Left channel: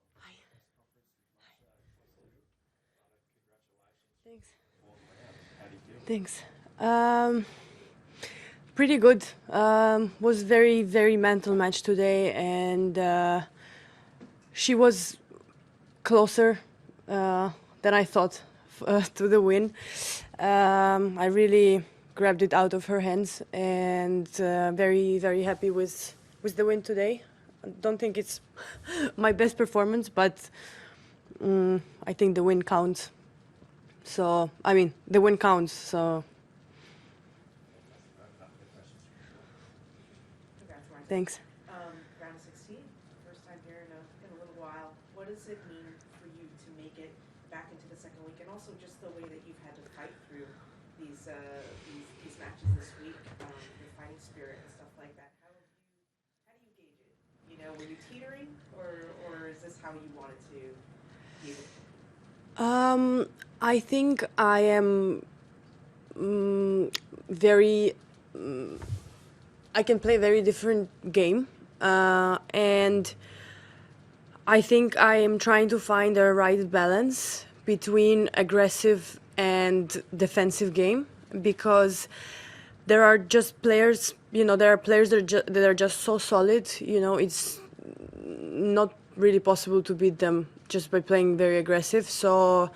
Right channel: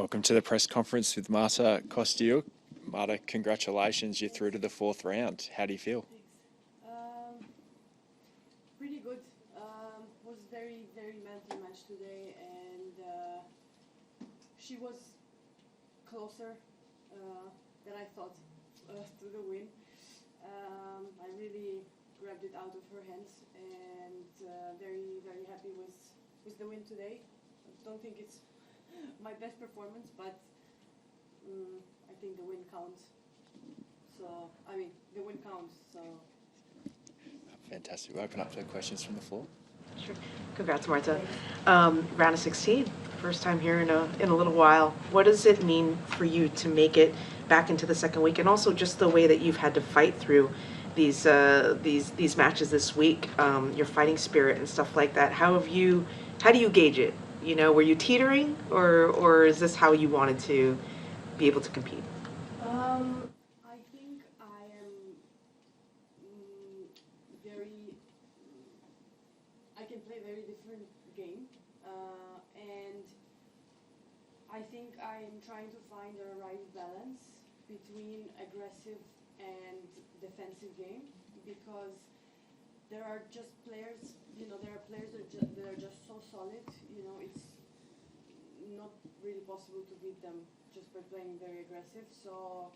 Welcome to the press conference with Marta Kostyuk. Marta, congratulations, you're through to the fourth round. How do you feel? Thanks. Pretty good. Was very, very mental match today, and she was closer than I thought to the win. I really grabbed it out of her hands, and very, very happy with the win today. I don't think it's my best performance, but I think the win counts. So, I mean, the win counts, so. Fantastic. We'll open up to questions from the floor. Sure. Congrats, Marta. Thanks. Round of 16, first time here in a little while. What does it mean for you to make it back into the second week, and also just the way that you've had to fight through these matches this week, your fighting spirit and stuff like that? How do you gauge it? You know, were you teetering, or is this how you wanted to be able to compete? I think I am very. I can play a very different game, and I think I am trying to find the right balance between aggressive and defensive game, because there are just players, you know, there are players that are just so solid, you know, it's not really possible to beat them just by playing very aggressive. So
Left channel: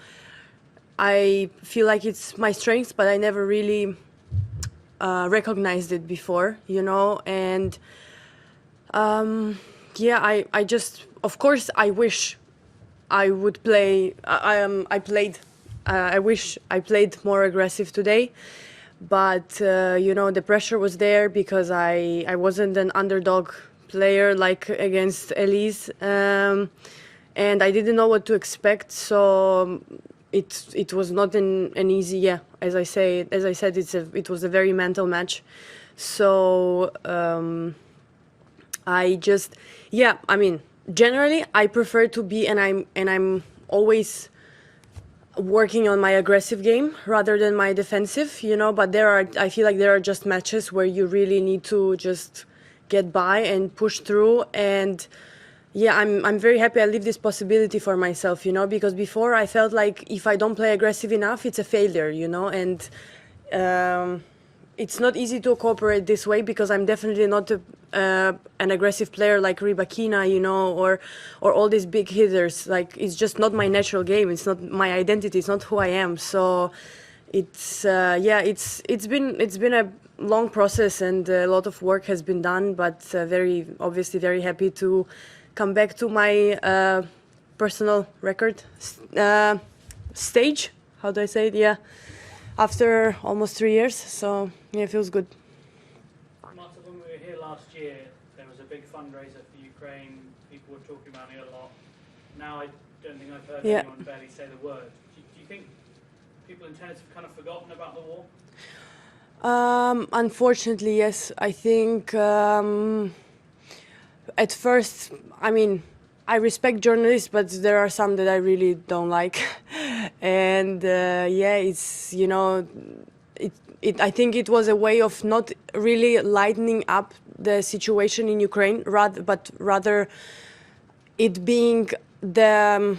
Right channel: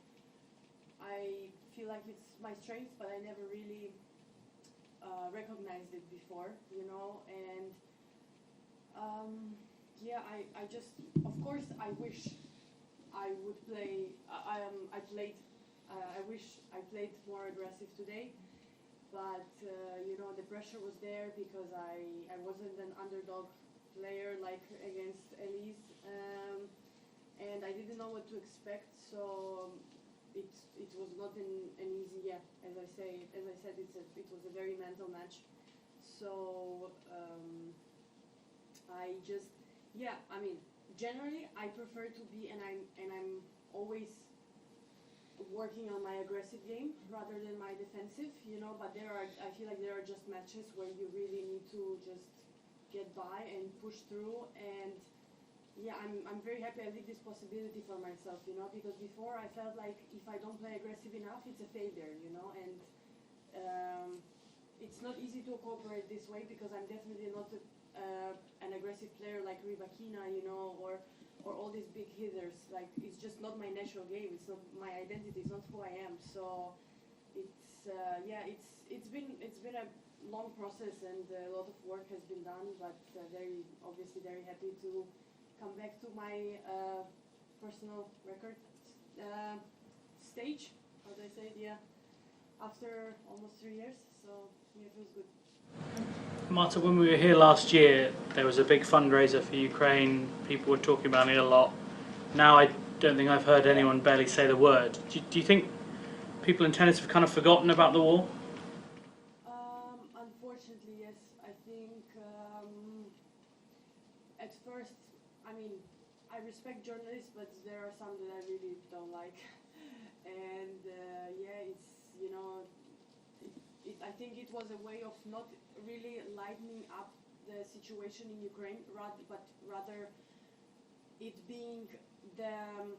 I feel like it's my strength, but I never really recognized it before, you know, and yeah, I just, of course, I wish I would play, I wish I played more aggressive today, but, you know, the pressure was there because I wasn't an underdog player like against Elise, and I didn't know what to expect, so it was not an easy, yeah, as I said, it was a very mental match, so I just, yeah, I mean, generally I prefer to be, and I'm always working on my aggressive game rather than my defensive, you know, but I feel like there are just matches where you really need to just get by and push through, and yeah, I'm very happy I leave this possibility for myself, you know, because before I felt like if I don't play aggressive enough, it's a failure, you know, and it's not easy to cooperate this way because I'm definitely not an aggressive player like Rybakina, you know, or all these big hitters. Like, it's just not my natural game. It's not my identity. It's not who I am. So it's yeah, it's been a long process and a lot of work has been done. But obviously very happy to come back to my personal record stage. How do I say it? Yeah, after almost 3 years. So yeah, it feels good. Marta, when we were here last year, there was a big fundraiser for Ukraine. People were talking about it a lot. Now I don't think I've heard anyone barely say the word. Do you think people in tennis have kind of forgotten about the war? Unfortunately, yes. I think at first, I mean, I respect journalists, but there are some that I really don't like. And yeah, it's, you know, I think it was a way of not really lightening up the situation in Ukraine, rather it being the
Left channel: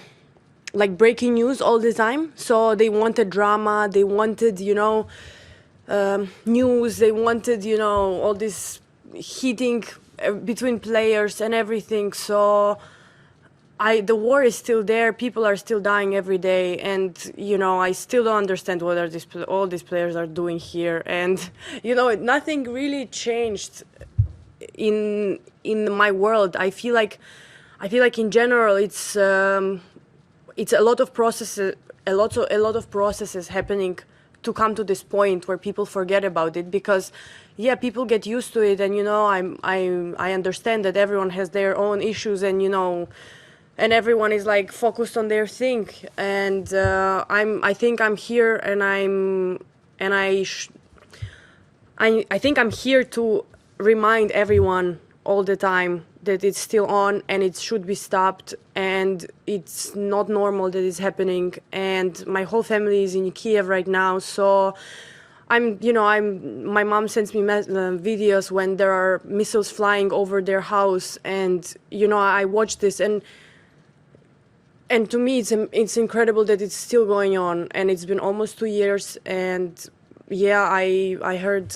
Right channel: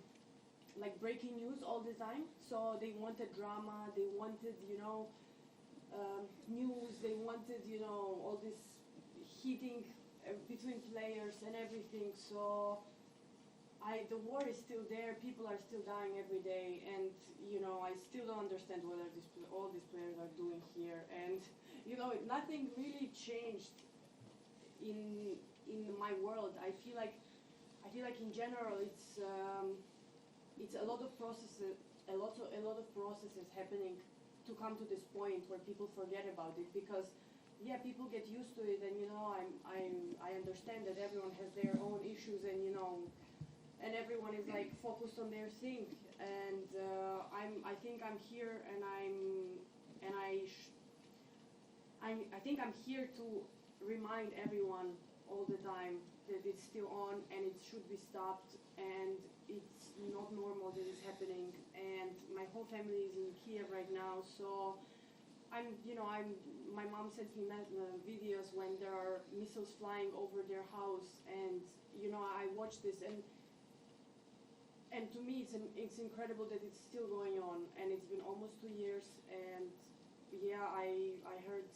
like breaking news all the time. So they wanted drama, they wanted, you know, news, they wanted, you know, all this heating between players and everything. So the war is still there. People are still dying every day, and you know, I still don't understand what all these players are doing here. And you know, nothing really changed in my world. I feel like in general, it's a lot of processes, a lot of processes happening to come to this point where people forget about it, because yeah, people get used to it, and you know, I understand that everyone has their own issues, and you know, and everyone is like focused on their thing, and I think I'm here, and I think I'm here to remind everyone all the time that it's still on and it should be stopped, and it's not normal that it's happening. And my whole family is in Kiev right now, so my mom sends me videos when there are missiles flying over their house, and you know, I watch this, and and to me it's incredible that it's still going on, and it's been almost 2 years. And yeah, I heard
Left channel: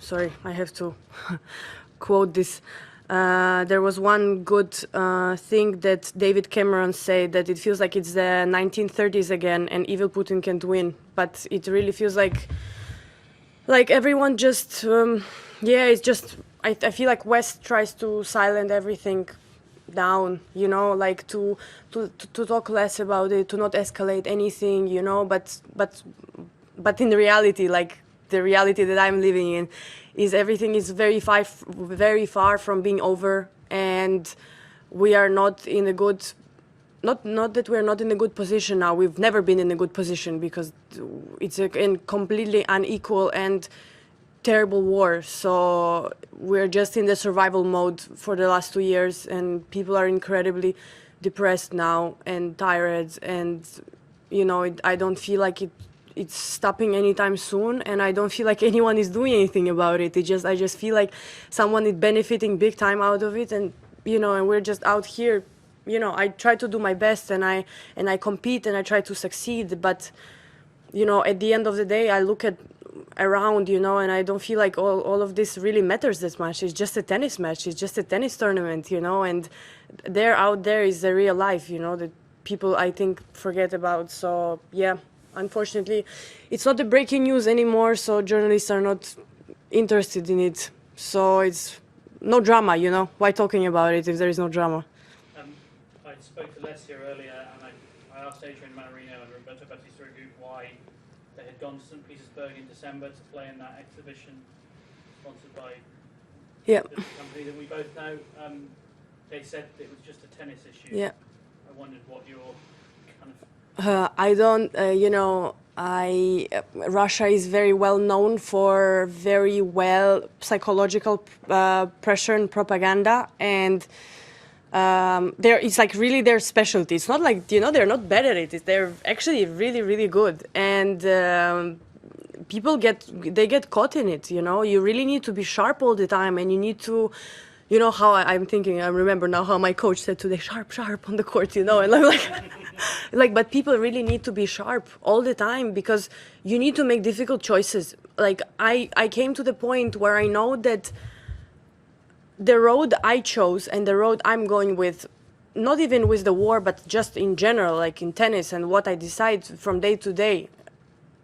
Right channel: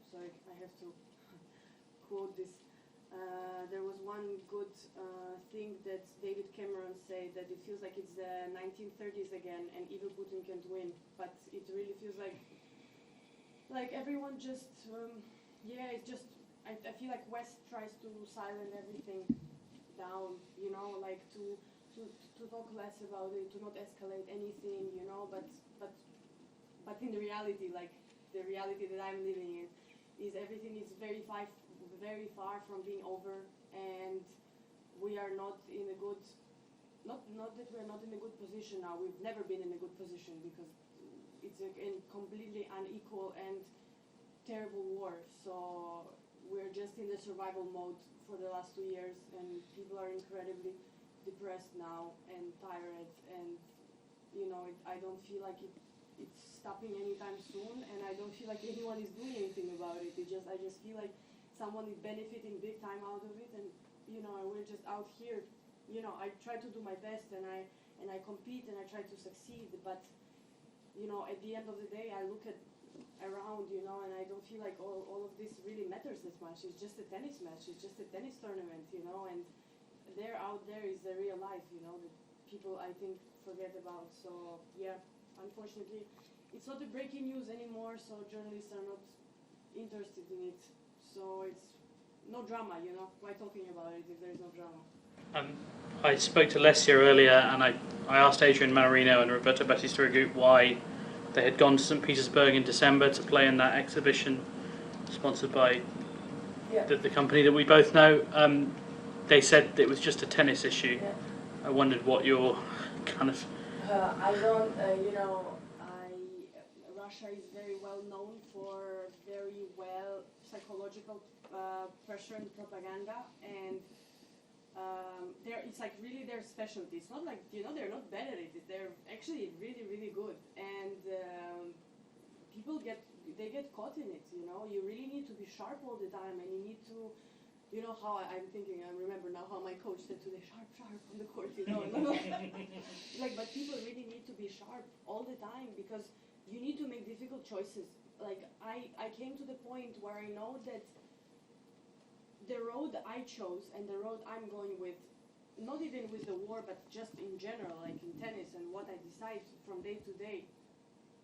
sorry, I have to quote this. There was one good thing that David Cameron said, that it feels like it's the 1930s again and evil Putin can't win. But it really feels like everyone just it's just I feel like West tries to silence everything down, you know, like to talk less about it, to not escalate anything, you know, but in reality, like the reality that I'm living in is everything is very far from being over, and we are not in a good, not that we're not in a good position now. We've never been in a good position because it's a completely unequal and terrible war. So we're just in the survival mode for the last 2 years, and people are incredibly depressed now and tired, and you know, I don't feel like it's stopping anytime soon, and I don't feel like anyone is doing anything about it. I just feel like someone is benefiting big time out of it, and you know, and we're just out here. You know, I try to do my best, and I compete, and I try to succeed, but you know, at the end of the day, I look at around, you know, and I don't feel like all of this really matters that much. It's just a tennis match. It's just a tennis tournament, you know, and out there is the real life, you know, that people, I think, forget about. So yeah, unfortunately, it's not the breaking news anymore, so journalists are not interested in it. So it's no drama, you know. Why talking about it if there is no drama? I spoke to Lesia earlier, and I asked Adrian Manarino and Roberto Battistuta why they had gone to St. Petersburg in December to play in that exhibition sponsored by the company that we both know. They said it was just a tennis issue. Yeah. I wondered what your kind of... I don't, you know, Russia is very well known for very well psychological pressure and propaganda, and it's like really their specialty. It's not like, you know, they're not bad at it. They're actually really, really good, and people get caught in it. You know, you really need to be sharp all the time, and you need to. You know how I'm thinking. I remember now how my coach said today, "Sharp on the court," you know, and I'm like, but people really need to be sharp all the time because you need to make difficult choices. Like I came to the point where I know that the road I chose and the road I'm going with, not even with the war, but just in general, like in tennis and what I decide from day to day,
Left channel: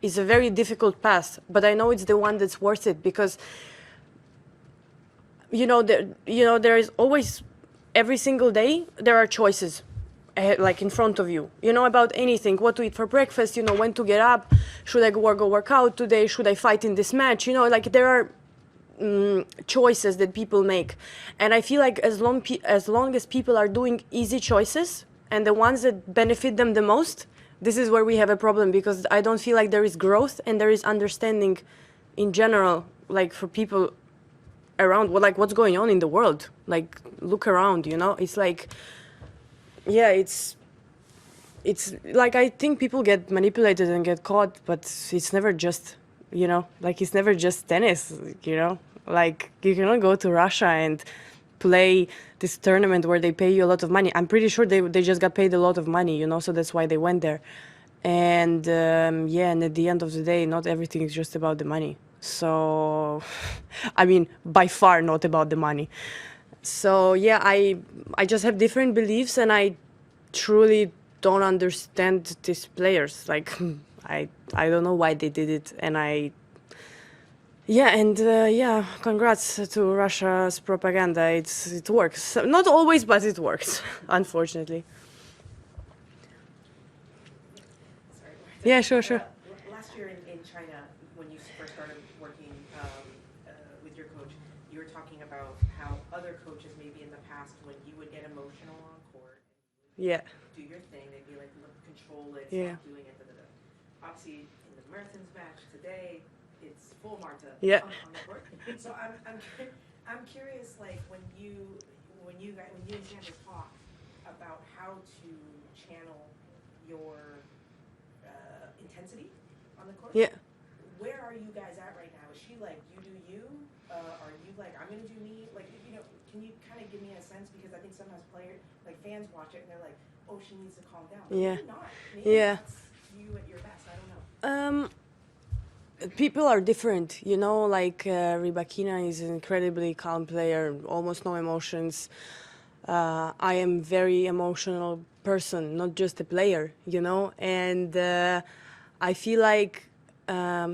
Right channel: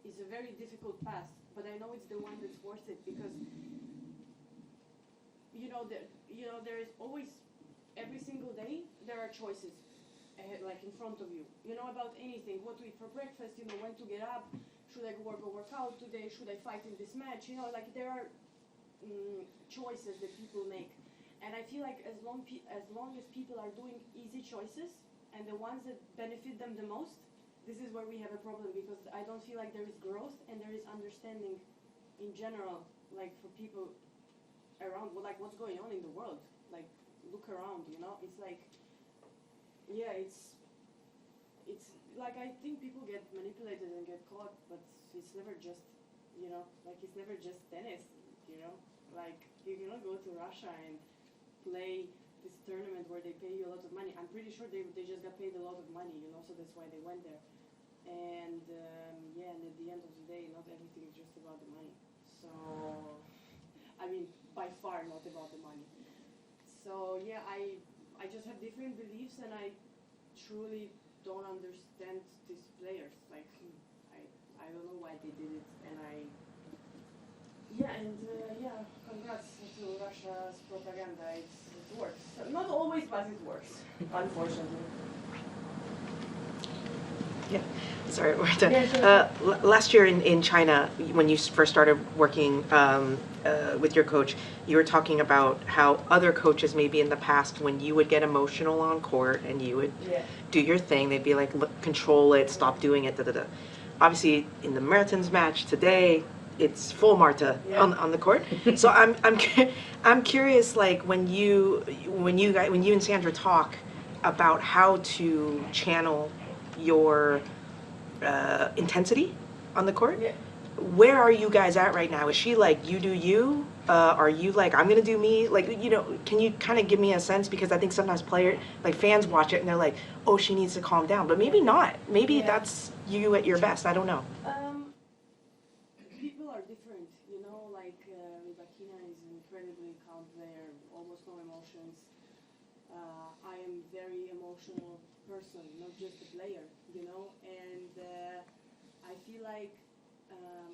is a very difficult path. But I know it's the one that's worth it because. You know, there is always, every single day, there are choices, like in front of you. You know, about anything, what to eat for breakfast. You know, when to get up. Should I go work out today? Should I fight in this match? You know, like there are choices that people make, and I feel like as long as people are doing easy choices and the ones that benefit them the most, this is where we have a problem because I don't feel like there is growth and there is understanding, in general, like for people. Around what's going on in the world, like look around, you know, it's like, yeah, it's like I think people get manipulated and get caught, but it's never just, you know, like it's never just tennis, you know, like you cannot go to Russia and play this tournament where they pay you a lot of money. I'm pretty sure they just got paid a lot of money, you know, so that's why they went there. And and at the end of the day, not everything is just about the money. So, I mean, by far not about the money. So yeah, I just have different beliefs, and I truly don't understand these players. Like, I don't know why they did it, and congrats to Russia's propaganda. It works. Not always, but it works, unfortunately. Sorry, Marta. Yeah, sure. Last year in China, when you first started working with your coach, you were talking about how other coaches maybe in the past, when you would get emotional on court and you would do your thing, they'd be like, look, control it, stop doing it, da-da-da. Obviously, in the Mertens match today, it's full Marta on the court. So I'm curious, like when you and Sandra talk about how to channel your intensity on the court. Yeah. Where are you guys at right now? Is she like, you do you, Are you like, I'm gonna do me? Like, you know, can you kind of give me a sense? Because I think sometimes fans watch it and they're like, oh, she needs to calm down. But maybe not. Maybe that's you at your best. I don't know. People are different, you know, like Rybakina is an incredibly calm player, almost no emotions. I am very emotional person, not just a player, you know, and I feel like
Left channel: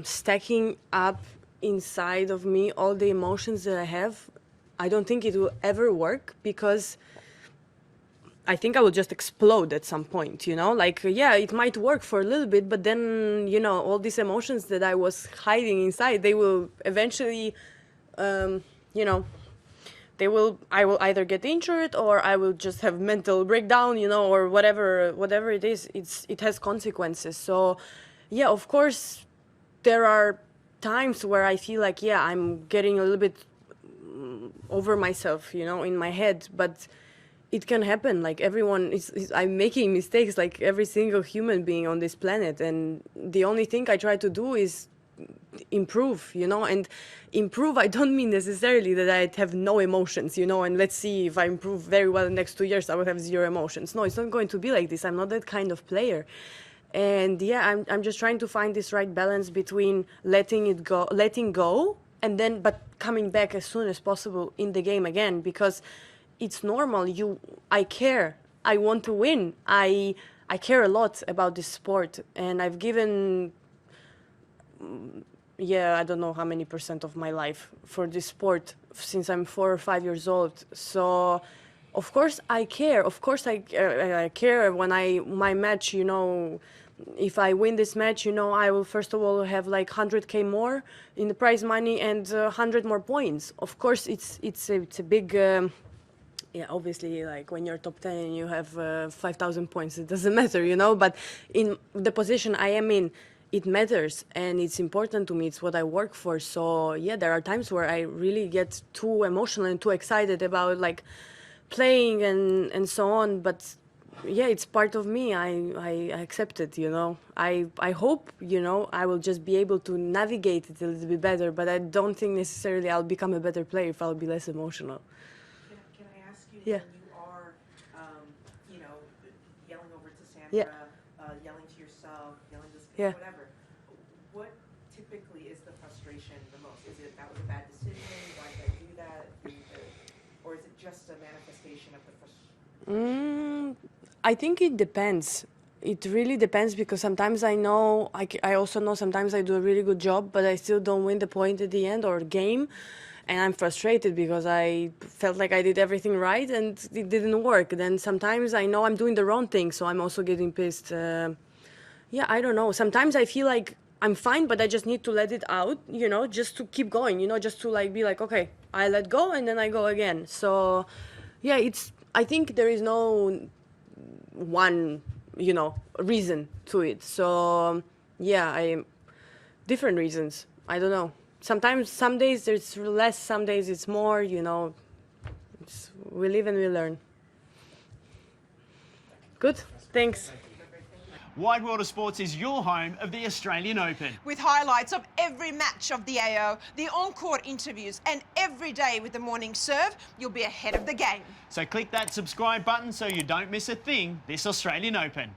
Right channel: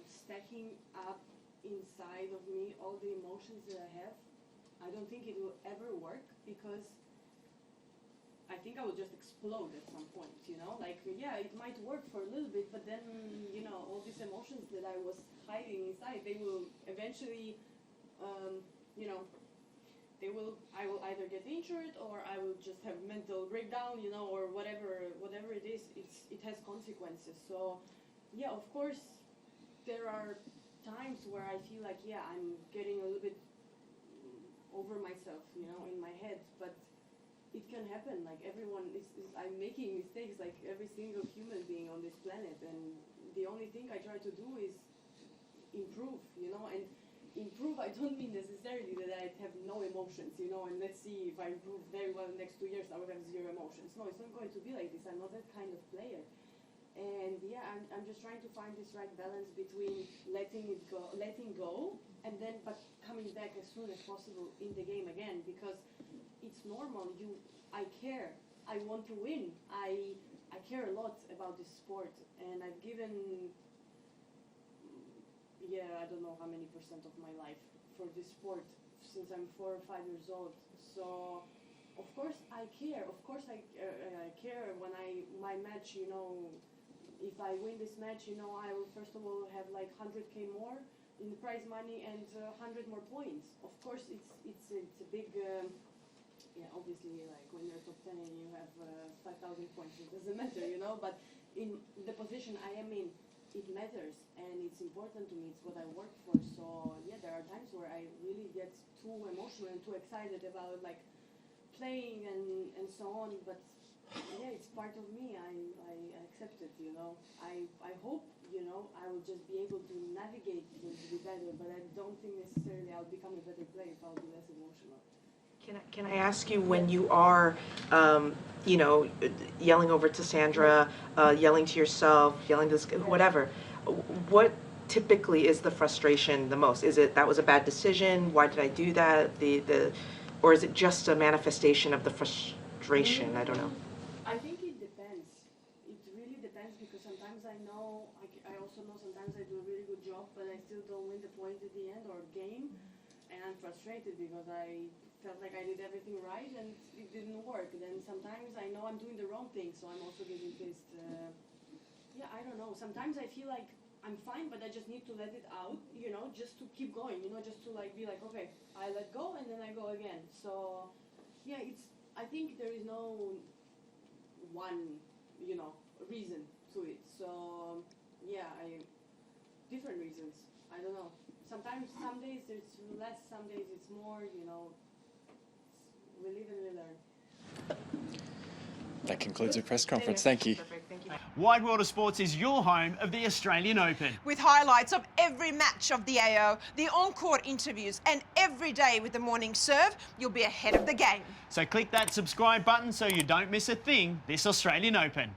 stacking up inside of me all the emotions that I have, I don't think it will ever work, because I think I will just explode at some point, you know, like, yeah, it might work for a little bit, but then, you know, all these emotions that I was hiding inside, they will eventually, you know, I will either get injured, or I will just have mental breakdown, you know, or whatever it is, it has consequences. So, yeah, of course, there are times where I feel like, yeah, I'm getting a little bit over myself, you know, in my head, but it can happen. Like, everyone I'm making mistakes, like every single human being on this planet, and the only thing I try to do is improve, you know. And improve, I don't mean necessarily that I have no emotions, you know, and let's see, if I improve very well in the next 2 years, I will have 0 emotions. No, it's not going to be like this. I'm not that kind of player. And yeah, I'm just trying to find this right balance between letting go, and then but coming back as soon as possible in the game again, because it's normal. I care. I want to win. I care a lot about this sport, and I've given, I don't know how many % of my life for this sport since I'm 4 or 5 years old. So, of course I care. Of course I care when my match, you know, if I win this match, you know, I will first of all have like 100K more in the prize money and 100 more points. Of course, it's a big. Obviously, like when you're top 10 and you have 5,000 points, it doesn't matter, you know, but in the position I am in, it matters, and it's important to me. It's what I work for. So, yeah, there are times where I really get too emotional and too excited about, like, playing and so on, but, yeah, it's part of me. I accept it, you know. I hope, you know, I will just be able to navigate it a little bit better, but I don't think necessarily I'll become a better player if I'll be less emotional. Can I ask you, when you are, you know, yelling over to Sandra, yelling to yourself, yelling to whatever, what typically is the frustration the most? Is it, that was a bad decision? Why did I do that? Or is it just a manifestation of the frustration? I don't know. I think it depends. It really depends, because sometimes I know, I also know sometimes I do a really good job, but I still don't win the point at the end or game. And I'm frustrated because I felt like I did everything right and it didn't work. Then sometimes I know I'm doing the wrong thing, so I'm also getting pissed. I don't know. Sometimes I feel like I'm fine, but I just need to let it out, you know, just to keep going, you know, just to like be like, okay, I let go and then I go again. So, yeah, I think there is no one, you know, reason to it. So, yeah, different reasons. I don't know. Sometimes, some days there's less, some days it's more, you know. We live and we learn. That concludes your press conference. Thanks. Thank you. Wide World of Sports is your home of the Australian Open. With highlights of every match of the AO, the on-court interviews, and every day with the morning serve, you'll be ahead of the game. So click that subscribe button so you don't miss a thing this Australian Open.